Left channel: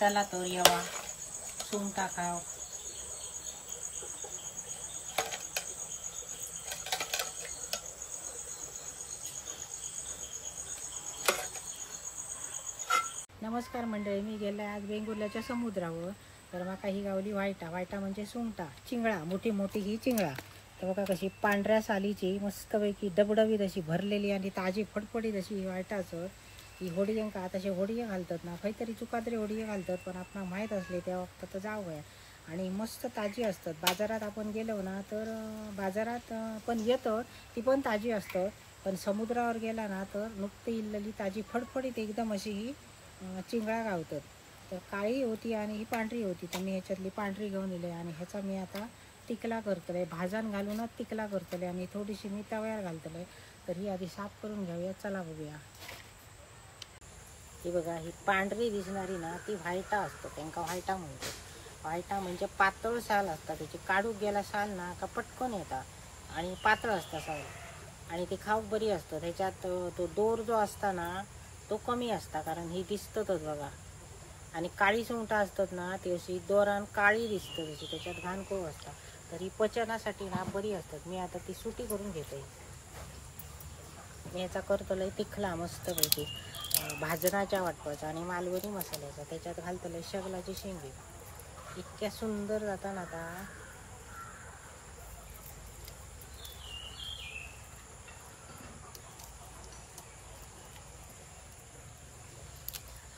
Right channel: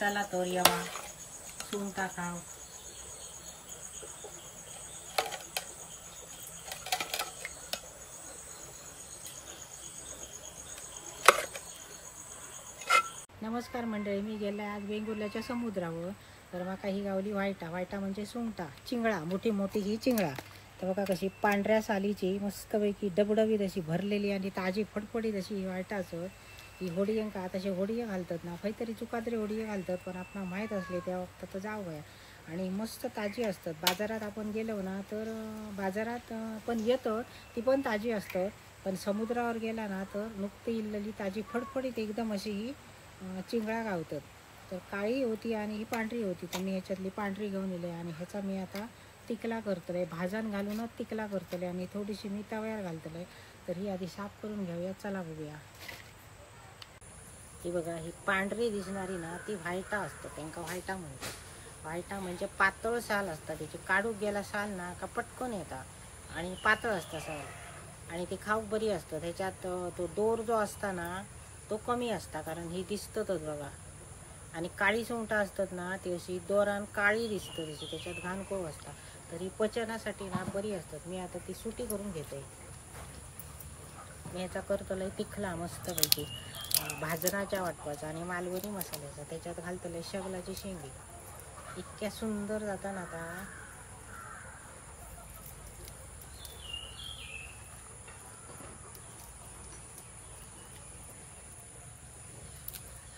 चला तर येवा सुंगटा खाव. नमस्कार मंडळी, मी गेले आज वेंगुर्ल्याच्या समुद्रावर. तर मका ही गावली वायटा म्हणजे सुंगटा, चिंगळा, मोठी मोठी ही चिंगळा. तर बघा कशी पांढऱ्या सालीची मस्तपैकी डबडबीत अशी भरलेली आणि ताजी फडफडीत अशी ही वायटाचं. ही होडीयं का तसे होडीयं घालतात ना, काहीतरी चुकातरी होडीयं घालतात, पण आपणाला माहीत असले त्या वक्त तर जावं. आणि मस्त ताजी असतात. बाजारात आपण गेलो ना तर बाजारात पण येतं ती पण ताजी असतं, पण समुद्रावर गेला ना तर नुकती इल्लेली ताजी फडफडीत एकदम अशी ही चिंगळा गावतात. तर काळी होती आणि ही पांढरी होती. तर मी ह्याच्यातली पांढरी घेऊन इले आणि ह्याचा मी आता तिकला करतले, भाजण घालूनच तिकला करतले आणि थोडीशी मी तव्यावर घालतले. तर ही आधी साफ करून घेऊया. चला बघूया. ही बघा, ही पांढरी दिसणारी ना ती व्हायटा असतं, त्यांना व्हायटा म्हणतात. व्हायटा म्हणजे पातळ साल असतात त्याची. काढूक गेला साल ना का पटकन येतात आणि पातळ असता साल आणि ती खाऊक बरी असतं. त्याच्यात तो दोर जो असता ना तो कमी असता, कारण ही दिसतच बघा. आणि काळी सुंगटा असतात ना ती अशी दोरान काळी दिसतं त्याची, त्याच्यात घाण खूप असता. तर ही पचनासाठी ना बरी असतात. मी आता ती सुटी करून घेते. मी ह्याचा करतोय तिखला मस्तपैकी भाजनाच्या वाटपाचा आणि मालवणी मसाल्याचा. त्याच्यात घालतोय शेगलाची शेंगी. इतक्या सुंदर जाता ना आता.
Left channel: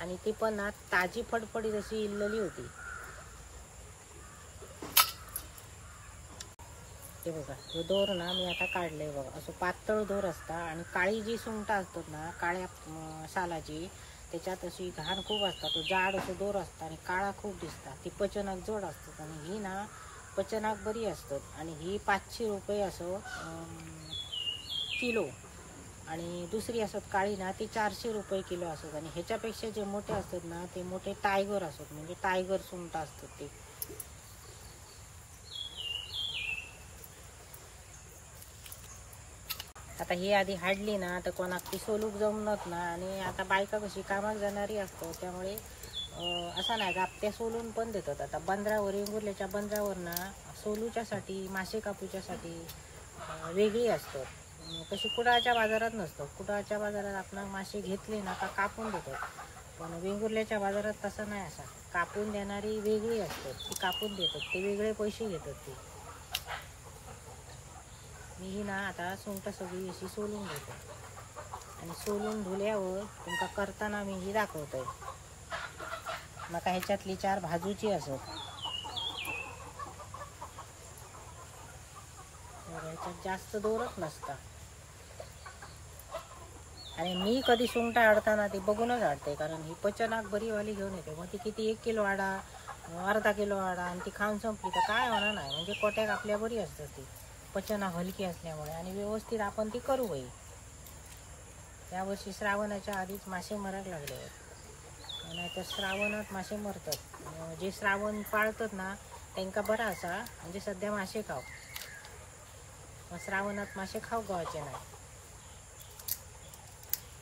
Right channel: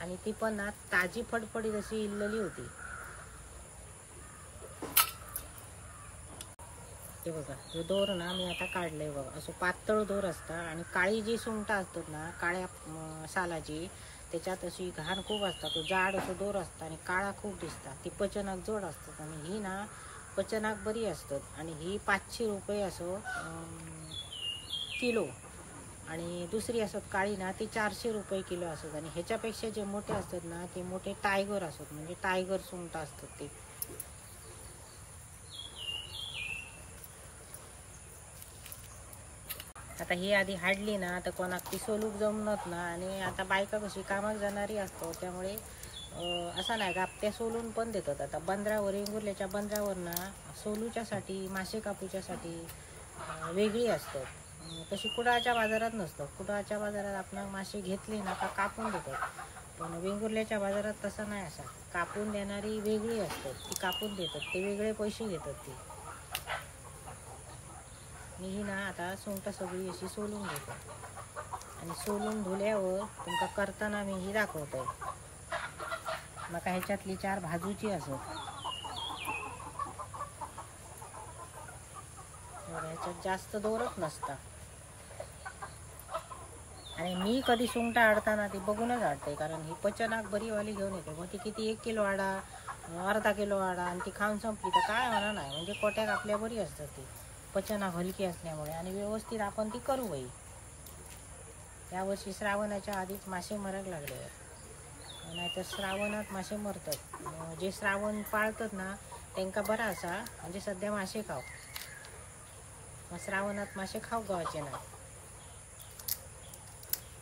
आणि ती पण ना ताजी फडफडीत अशी इल्लेली होती. हे बघा, हे दोर ना मी आता काढलंय बघा. असं पातळ दोर असता आणि काळी जी सुंगटा असतात ना काळ्या सालाची, त्याच्यात अशी घाण खूप असतात. तो जाड असं दोर असता आणि काळा खूप दिसता. ती पचनाक जोड असतात आणि ही ना पचनाक बरी असतात. आणि ही 500 रुपये असं किलो. आणि दुसरी असत काळी ना ती 400 रुपये किलो असत. आणि ह्याच्यापेक्षा जे मोठे असतात ना ते मोठे टायगर असत, म्हणजे टायगर सुंगटा असतात ते. आता ही आधी हाडली ना तर कोणाक ती सोलूक जमत ना. आणि आता बायका कशी कामाक जाणारी असतो, त्यामुळे असा नाही गापत्या सोलून पण देतात. आता बंदरावर, वेंगुर्ल्याच्या बंदरावर ना सोलूच्यासाठी, मासे कापूच्यासाठी वेगळी असतात. तशी कुडाळच्या बाजारात नसतात. कुडाळच्या बाजारात आपण मासे घेतले ना का कापून देतात, पण वेंगुर्ल्याच्या बाजारात तसं नाही. असा कापून देणारी वेगळी असतात, ती कापून देतात, ते वेगळे पैसे घेतात ते. मी ही ना आता सुंगटा सगळी अशी सोलून घेतो आणि सोलून धुल्यावर तुमका करताना मी ही दाखवतोय. मका ह्याच्यातली 4 भाजूची असत. ह्याच्यात जास्त दोरच नसता. आणि मी कधी सुंगटा आडताना ती बघूनच आडते, कारण ही पचनाक बरी वाली घेऊन येते. मग ती किती 1 किलो आडा, अर्धा किलो आडा आणि ती खाऊन संपली तर काय होणार नाही. म्हणजे कोट्याक आपल्या बरी असतात ती, पचनाक हलकी असल्यामुळे. आणि व्यवस्थित आपण ती करू बाई. यावर्षी श्रावणाच्या आधीच मासे मरायला लागले, नाही तर श्रावणात मासे मरतात. जे श्रावण पाळतात ना त्यांना बरा असा, म्हणजे सध्या मासे खाव, मग श्रावणात मासे खाऊ गावाचे नाही.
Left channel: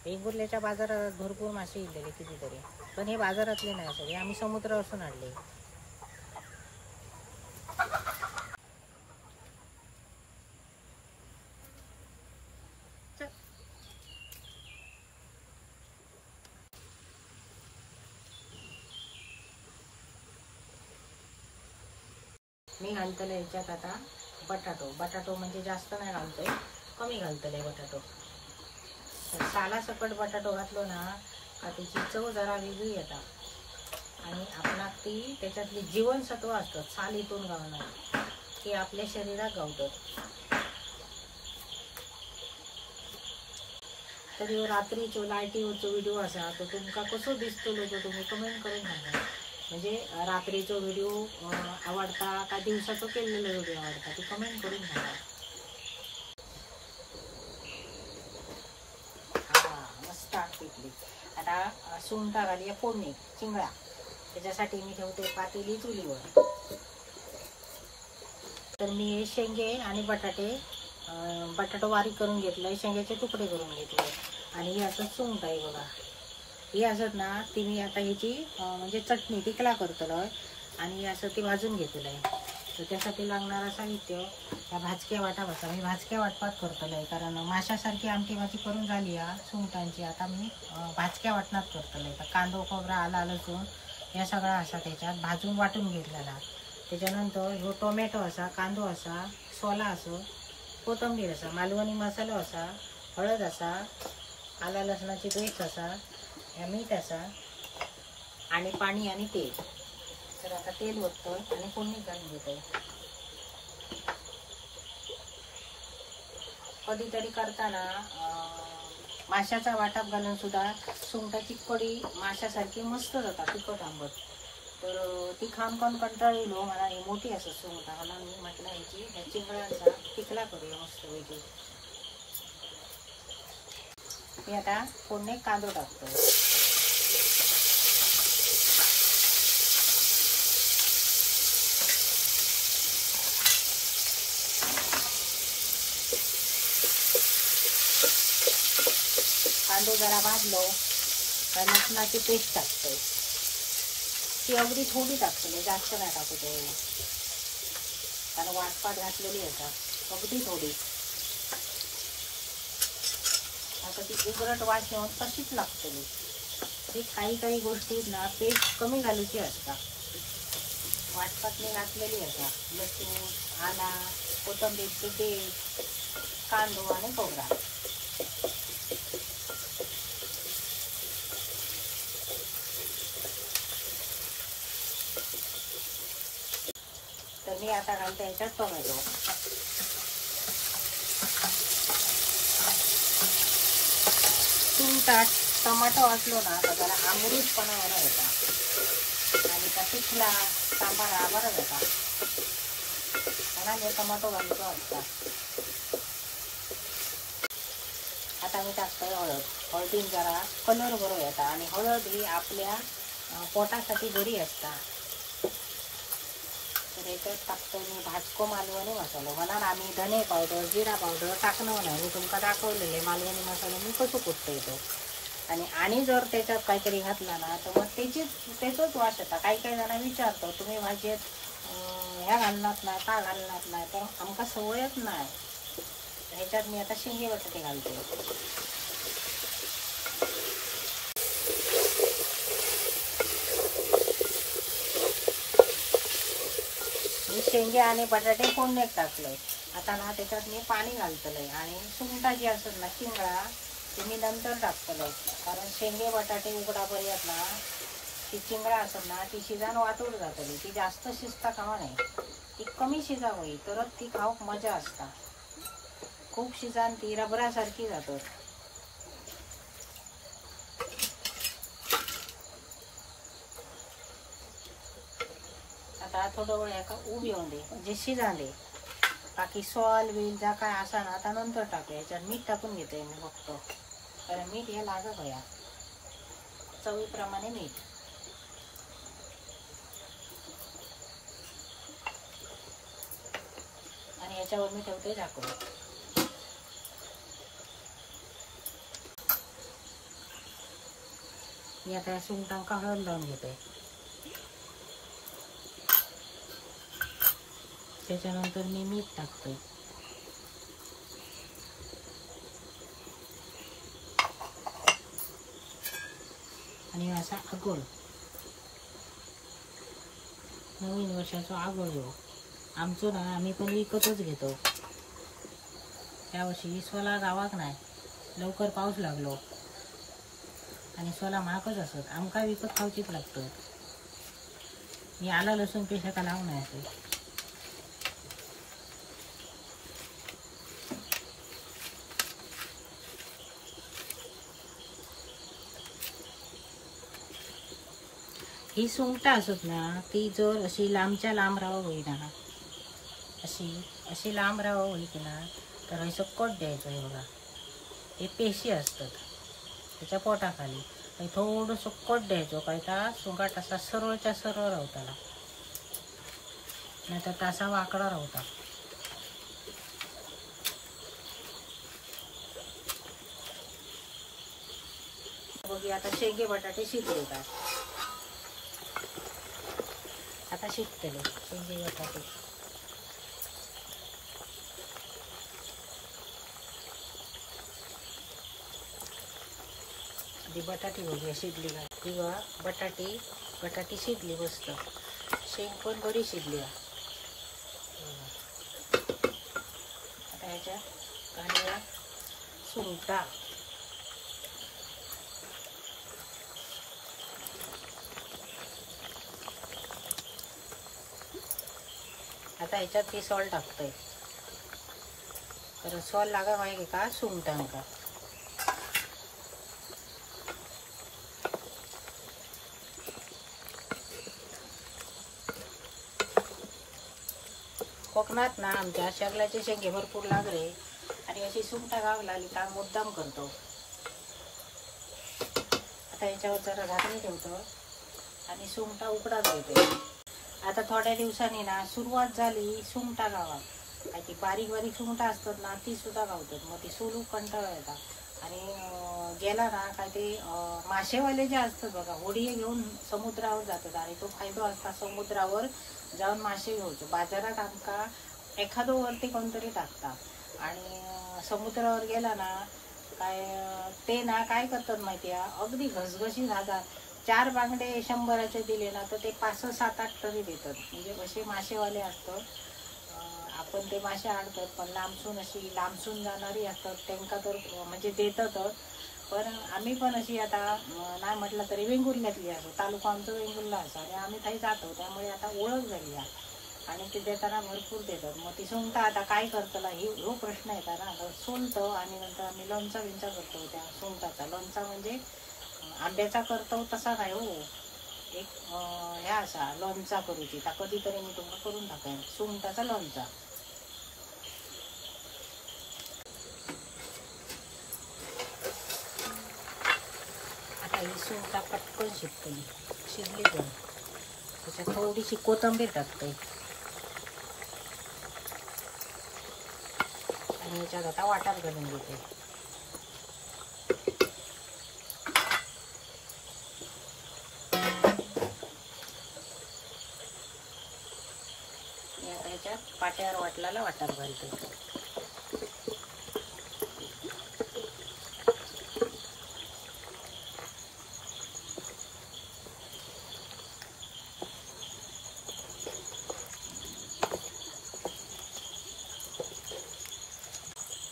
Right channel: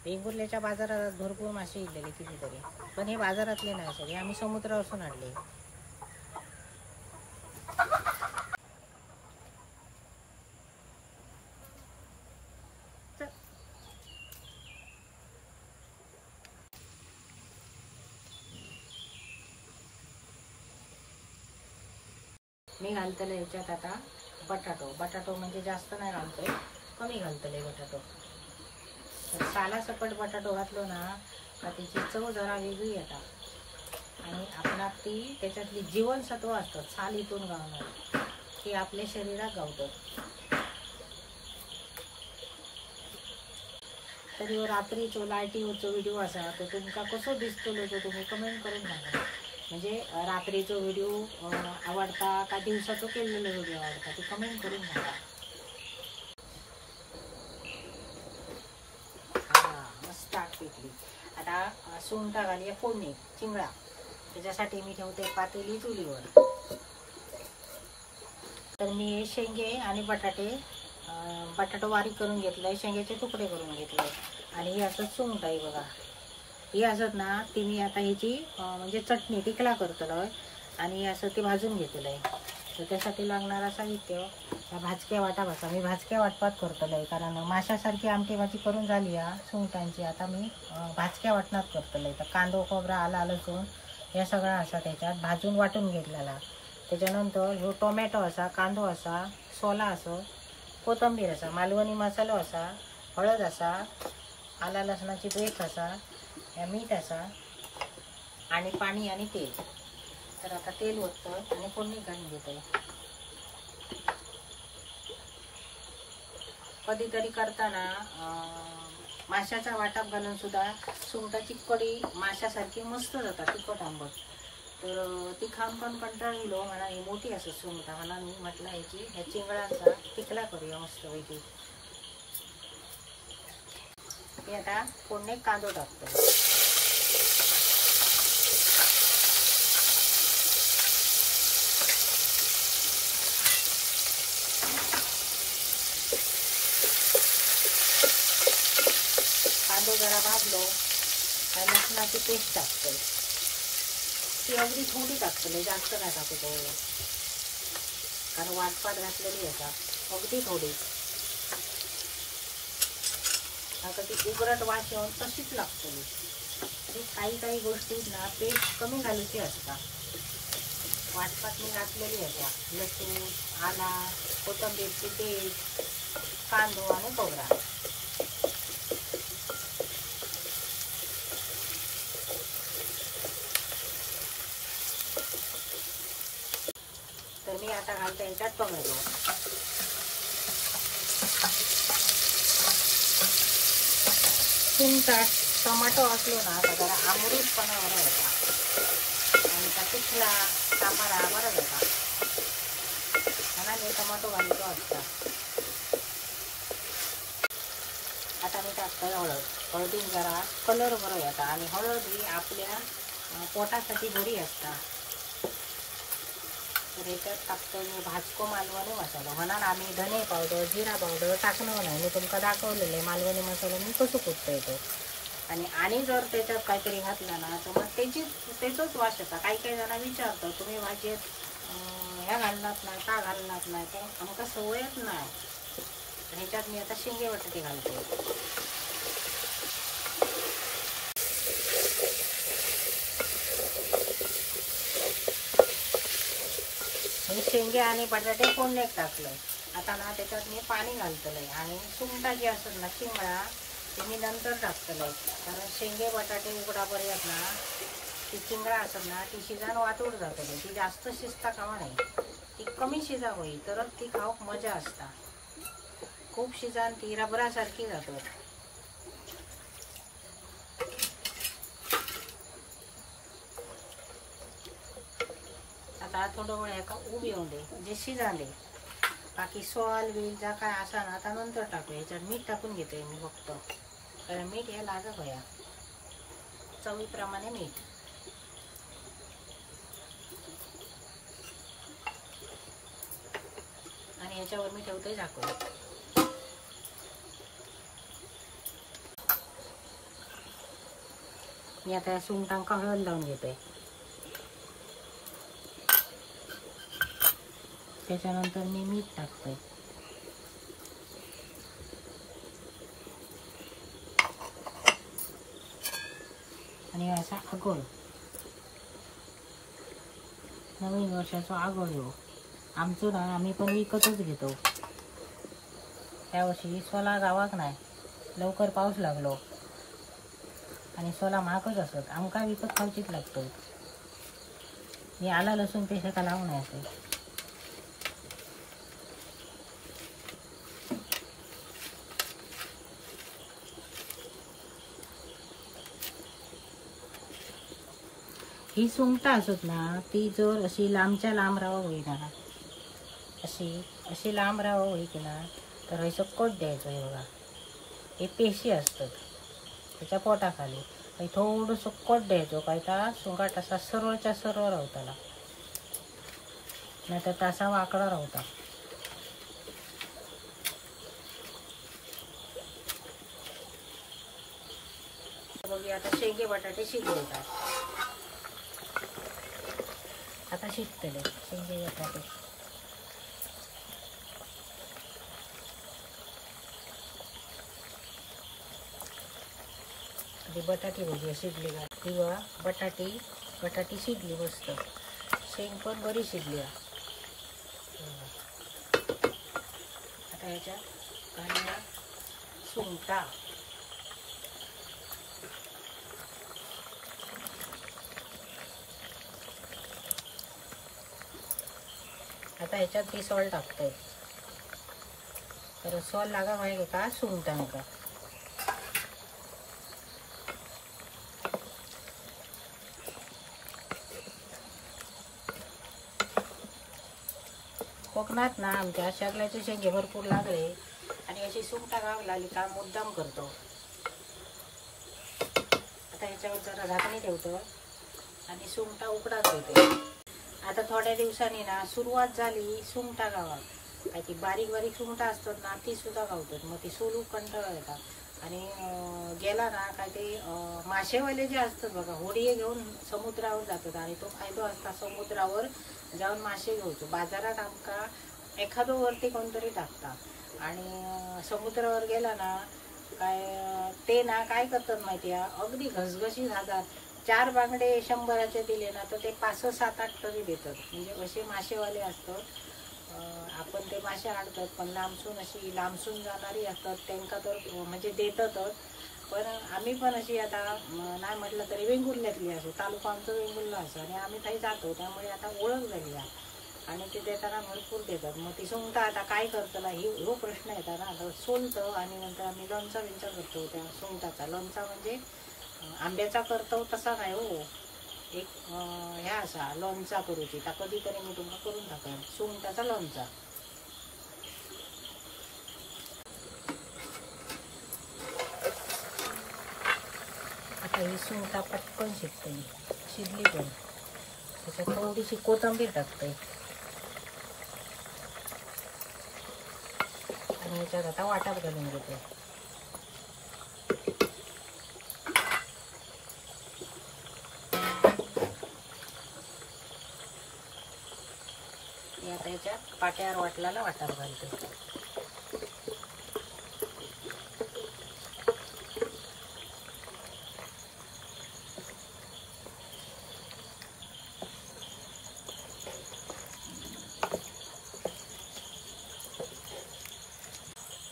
वेंगुर्ल्याच्या बाजारात भरपूर मासे इलेले कितीतरी, पण हे बाजारातले नाही सगळे, आम्ही समुद्रावरून आणले. मी घालतले ह्याच्यात आता बटाटो म्हणजे जास्त नाही घालतोय, कमी घालतले बटाटो. साला सकट बटाटो घातलो ना का त्याची चव जरा वेगळी येतात. आणि आपणाक ती त्याच्यातली जीवनसत्व असतात सालीतून गावणारी, ते आपल्या शरीरात गावतात. तरी रात्रीचो लायटीवरचो व्हिडिओ असा तो तुमका कसो दिसतलो तो तुम्ही कमेंट करून सांगा. म्हणजे रात्रीचो व्हिडिओ आवडता का दिवसाचो केलेला व्हिडिओ आवडता ते कमेंट करून सांगा. मस्त पिकली. आता सुंगटा घालूया फोडणी, चिंगळा. त्याच्यासाठी मी ठेवते पातेली चुलीवर. तर मी शेंगे आणि बटाटो बारीक करून घेतलाय, शेंग्याचे तुकडे करून घेतले आणि हे असं सुंगटा आहे बघा. ही असत ना ती मी आता ह्याची म्हणजे चटणी टिकला करतलोय आणि असं ते भाजून घेतलंय. तर त्यासाठी लागणारा साहित्य ह्या भाजक्या वाटा बसा मी भाजक्या वाटपात करतलोय, कारण माशासारखी आमटी भाजी करून झाली या सुंगटांची. आता मी भाजक्या वाटणात करतलोय. तर कांदो खोबरा आला लसूण या सगळा असा त्याच्यात भाजून वाटून घेतलेला. त्याच्यानंतर ह्यो टोमॅटो असा, कांदो असा, सोला असो, कोथिंबीर असा, मालवणी मसालो असा, हळद असा, आला लसणाची पेस्ट असा, मीठ असा आणि पाणी आणि तेल. तर आता तेल ओततो आणि फोडणी घालून घेतोय. कधीतरी करताना माशाचा वाटप घालून सुद्धा सुंगटाची कढी माशासारखी मस्त जातात तिखट आंबट. तर ती खाऊन पण कंटाळलो. मला ही मोठी असं सुंगटा मला मी म्हटलं ह्या चिंगळांचा टिकला करूया मस्त पैकी. मी आता फोडणी कांदो टाकतो. कांदे जरा भाजलो काय लसणाची पेस्ट टाकतोय. ती अगदी थोडी टाकतोय, जास्त नाही टाकू तेवढं, कारण वाटपाट घातलेली आहे का अगदी थोडी. आता ती उघरट वास येऊन तशीच लागतली. काही काही गोष्टी ना पेस्ट कमी घालायची असतात. वाटपात मी घातलेली आहे का लसूण, आला, कोथिंबीरची पेस्ट, कांदो आणि खोबरा. तर मी आता घालते याच्यात टोमॅटो. सुंगटात टोमॅटो असलो ना तर जरा आंबूसपणा बरा होता आणि त्या पिठला सांबारा बरा होता. म्हणून मी टोमॅटो घालतो असता. आता मी टाकतोय हळद. हळदीत जरा कलर बरो येता आणि हळद ही आपल्या पोटासाठी बरी असता. तर याच्यात टाकतोय मी भाजको मालवणी मसाला. म्हणून आम्ही धने पावडर, जिरा पावडर टाकणार नाही. मी तुमका दाखवलेले मालवणी मसाला मी कसं कुटतो येतो. आणि जर त्याच्यात काहीतरी घातलं ना तर मग त्याचंच वास येतात. काही काही जण विचारतं तुम्ही भाजीत ह्या घालणार नाही का घालणार नाही, तर आमका सवयच नाही. ह्याच्यात मी आता शेंगे बटाटे घालते. मी शेंगे आणि बटाटे फोडण्यात टाकले. आता ना त्याच्यात मी पाणी घालतलंय आणि सुंगटा जी असत ना चिंगळा ती मी नंतर टाकतलंय. कारण शेंगे बटाटे उघडापर्यंत ना ती चिंगळा असत ना ती शिजान वाटून जातली. ती जास्त शिजता खावा नाही, ती कमी शिजावं तरच ती खाऊक मजा असता. खूप शिजान ती रबरासारखी जातो. आता थोडं वेळ एका उभी येऊन दे म्हणजे शिजाले. बाकी सॉल बिल ज्या काय असा ना आता नंतर टाकू. याच्यात मीठ टाकून घेते मी फक्त, कारण मीठ हे लागत होया चवीप्रमाणे मीठ. आणि याच्यावर मी ठेवते झाकून. मी आता या सुंगटांका हळद लावून घेते. त्याच्यानंतर मी मीठ टाकते. आणि असा आगोळ नवीन वर्षाचा आगोळ हो आमचं ना आम्ही पण विकतच घेतो. त्यावर्षी सोला गावाक नाही, लवकर पाऊस लागलो आणि सोला महागच असत. आमका विकत खावचीच लागतं. मी आला लसूण पेस्ट आता लावून नाही असे. ही सुंगटा असत ना ती जर अशी लांबच्या लांब राहावं होईना, अशी लांब राहावं होई की ना तर असं कट द्यायचं. हे बघा हे पेशी असतात त्याच्या पोटाखाली. थोडंसं कट द्यायचो काय तर सुंगाट असा सरळच्या सरळ रावताला, नाही तर तसा वाकडा रावता. की आता शेंगे बटाटे शिजवतात. आता शिजतले शेंगे बटाटे. जी बटाटी बघूया शिजली का. किंवा बटाटी शिजली मस्त. शेंग पण बरी शिजली. आता ह्याच्यात काढूया सुंगटा. आता ह्याच्यात ती सॉल टाकतोय. तर सॉल लागा माहिती का सुंगटा होता. कोकणात ना आमच्या शेगलाचे शेंगे भरपूर लागले आणि अशी सुंगटा गाव लागली का मुद्दाम करतो. आता याच्यावर जरा झाकणी ठेवतो आणि सुंगटा उकडाच देतो. आता थोड्या दिवसांनी ना सुरुवात झाली सुंगटा गावात. काय ती बारीक बारीक सुंगटा असतात ना ती सुद्धा गावतात. मग ती सोलू कंटाळा येतात आणि गेला ना काय ते मासेवाले जे असतात बघा होडी घेऊन समुद्रावर जातात आणि तो फायदा असता समुद्रावर जाऊन मासे घेऊचो. बाजारात आमका एखादं वरती कोणतरी टाकता आणि समुद्रावर गेला ना काय ते ना काय करतात माहिती आहे अगदी घसघशी जातात. 4 बांगडे 100चे दिले ना तर ते 5, 7, 8 तरी देतात. म्हणजे असे मासेवाले असतात. आपण ते मासे आणतात पण लांबसून जाणारी असतात त्यांना तर म्हणजे देतात. पण आम्ही पण अशी आता नाही म्हटलं तरी वेंगुर्ल्यातली असे तालुका आमचं वेंगुर्ला असं आणि आम्ही काही जातो त्यामुळे आता ओळख झाली आहे आणि ते देताना भरपूर देतात. मग ती सुंगटा आता काय करताना हो प्रश्न येतात ना. सोलतं आणि नंतर आम्ही लोणचा करतो. त्या सुंगटाचा लोणचा म्हणजे आंब्याचा करतो तसा नाही हो. एक ह्या असा लोणचा करूची तर कधीतरी मी तुम्हाला करून टाकेन सुंगटाचा लोणचा. आता ही सुंगटा पटकन शिजली पण त्याच्यात थोडीशी कोथिंबीर टाकते आणि याच्यात आता वाटप घालून घेते. आता याच्यात पाट्यावर वाटल्याला वाटप घालते.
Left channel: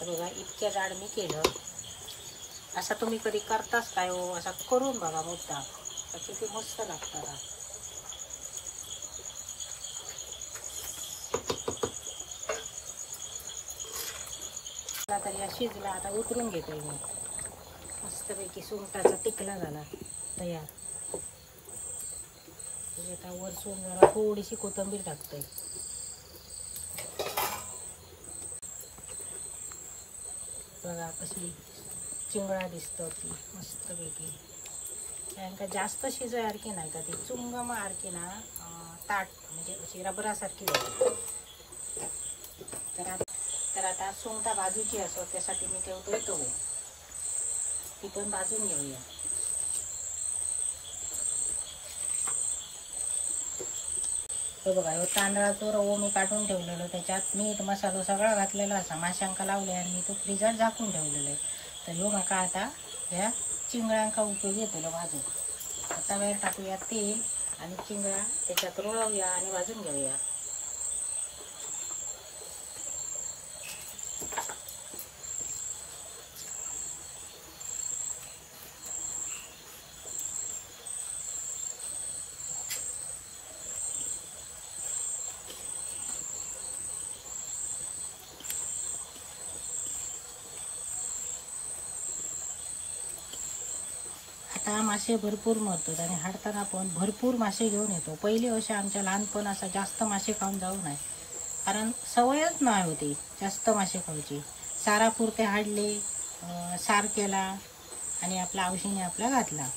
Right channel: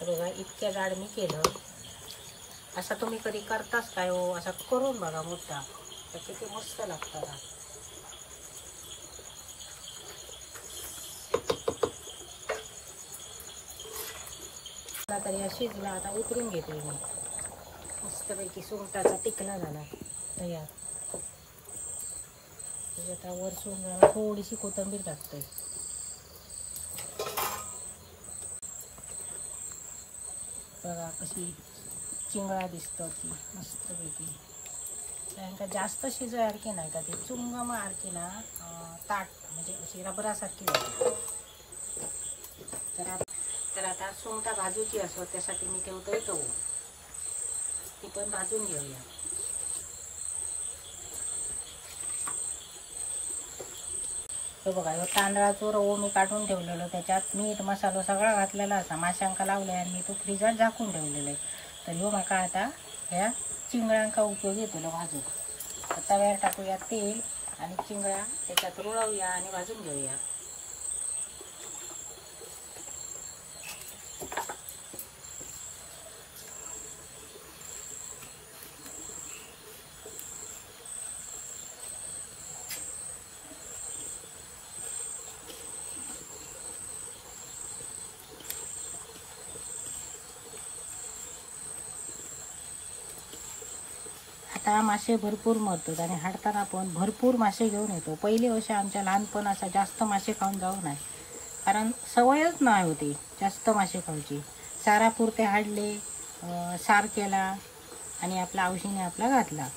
बघा इतक्या जाड मी केलं. असं तुम्ही कधी करताच काय हो. असं करून बघा मुद्दा तर किती मस्त लागतात. तरी हा शिजला. आता उतरून घेते मी. मस्तपैकी सुंगटाचा टिकला झाला तयार. आता वरसून जरा थोडीशी कोथिंबीर टाकते. बघा कशी चिंगळा दिसतं ती मस्तपैकी. त्यांना जास्त शिजायसारखी नाही का ती चुंगमा सारखी ना ताट म्हणजे अशी रबरासारखी होती. तर आता सुंगटा भाजूची असो त्यासाठी मी ठेवतोय तो. ती पण भाजून घेऊया. तो बघा ह्यो तांदळाचो रवो मी काढून ठेवलेलो. त्याच्यात मीठ मसालो सगळा घातलेला असा. माशांका लावले आणि मी तो फ्रीजात झाकून ठेवलेलो आहे. तर ह्यो माका आता ह्या चिंगळ्यांका उपयोगी येतलो भाजून. तव्यावर टाकूया तेल आणि चिंगळ्या त्याच्यात रोळवूया आणि भाजून घेऊया. आता मासे भरपूर मरतात आणि हाडताना पण भरपूर मासे घेऊन येतो. पहिले वर्षी आमच्या लहानपण असा जास्त मासे खाऊन जाऊ नये कारण सवयच नाही होती जास्त मासे खायची. सारापुरते हाडले, सार केला आणि आपला औषधीने आपला घातला.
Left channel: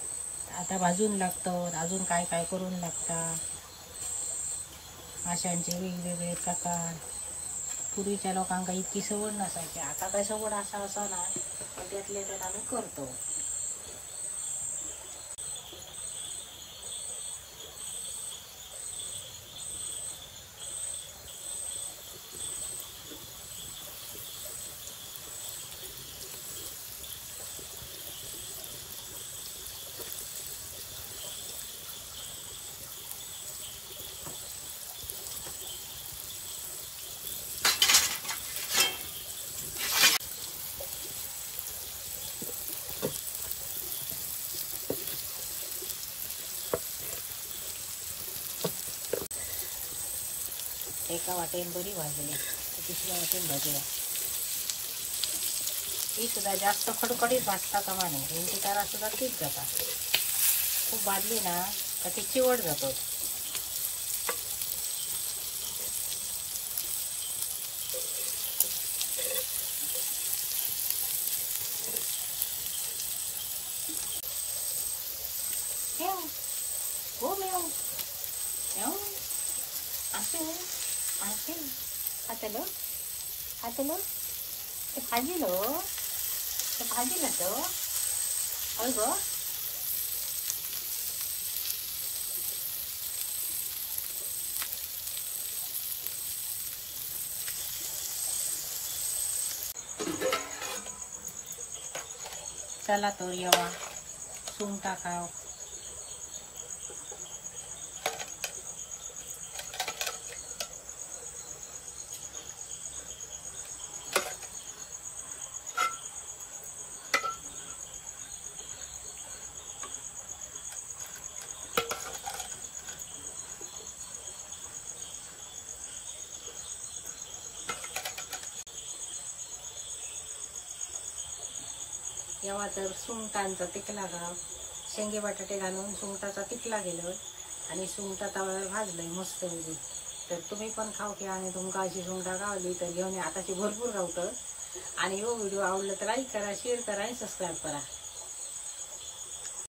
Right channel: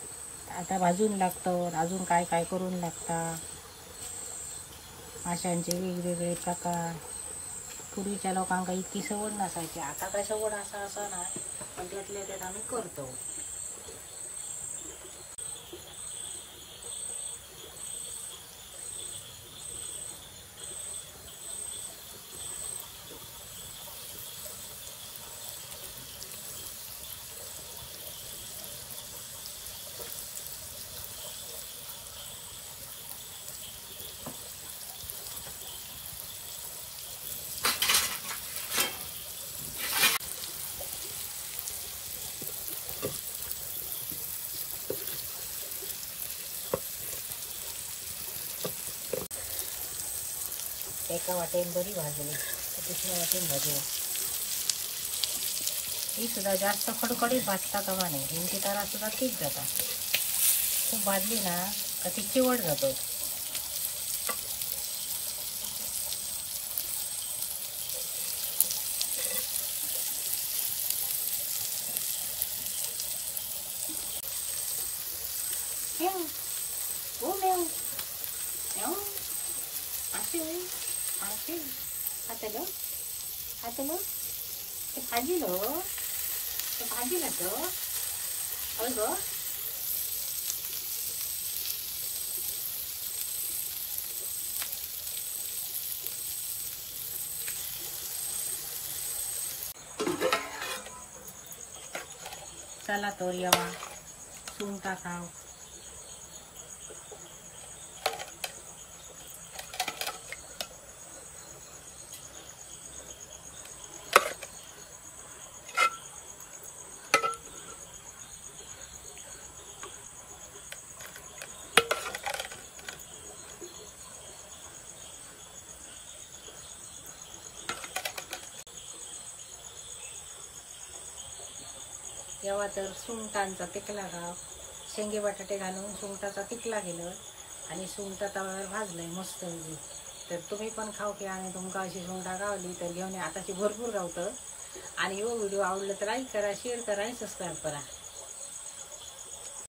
आता भाजून लागतं अजून काय काय करून लागतात. माशांचे वेगवेगळे प्रकार. पूर्वीच्या लोकांना इतकी सवड नसायची. आता काय सवड असा नाही पण त्यातल्या त्यात आम्ही करतो. एका वाटेन बरी भाजली दुसऱ्या वाटेन भाजूया. ही सुद्धा जास्त कडकडीत भाजता कामा नये. भिंती तारा सुद्धा ठीक जातात. खूप भाजली ना तर ती चिवट जातो. हातलो ते भाजिलो तो भाजिला तो होय गो. चला तर येवा सुंगटा खाव. येवा तर सुंगटांचा तिकला खाव. शेंगे बटाटे घालून सुंगटाचा तिकला केलं आणि सुंगटा तव्यावर भाजलंय मस्त म्हणजे. तर तुम्ही पण खाऊ की. आणि तुमका अशी सुंगटा गावली तर घेऊन आताची भरपूर गावतं. आणि हो व्हिडिओ आवडला तर लाईक करा, शेअर करा आणि सबस्क्राईब करा.